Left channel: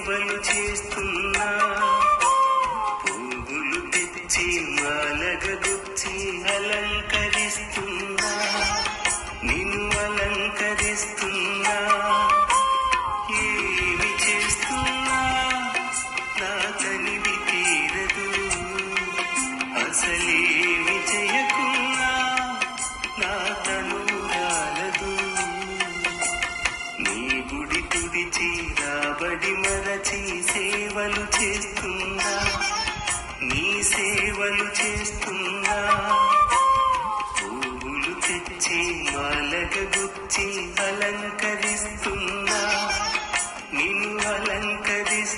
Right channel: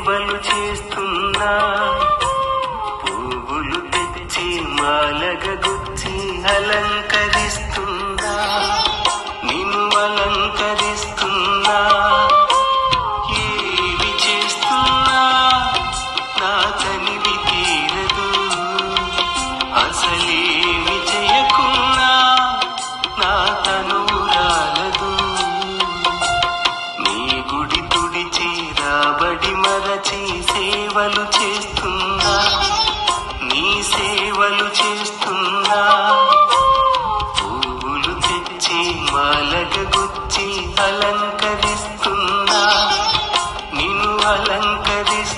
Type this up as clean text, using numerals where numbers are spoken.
సేవలు చేస్తున్నా, పువ్వులు తెచ్చి మాలగా గుచ్చి అలంకరిస్తున్నా, నిన్ను అలంకరిస్తున్నా. ఏమి చేస్తున్నా నా కనివి తీరదు, అసలేమి చేయకున్నా నా తనువు రాలదు. నీ గుడి తుడిచి రాబడి మరచి సేవలు చేస్తున్నా, నీ సేవలు చేస్తున్నా. పువ్వులు తెచ్చి మాలగా గుచ్చి అలంకరిస్తున్నా, నిన్ను అలంకరిస్తున్నా.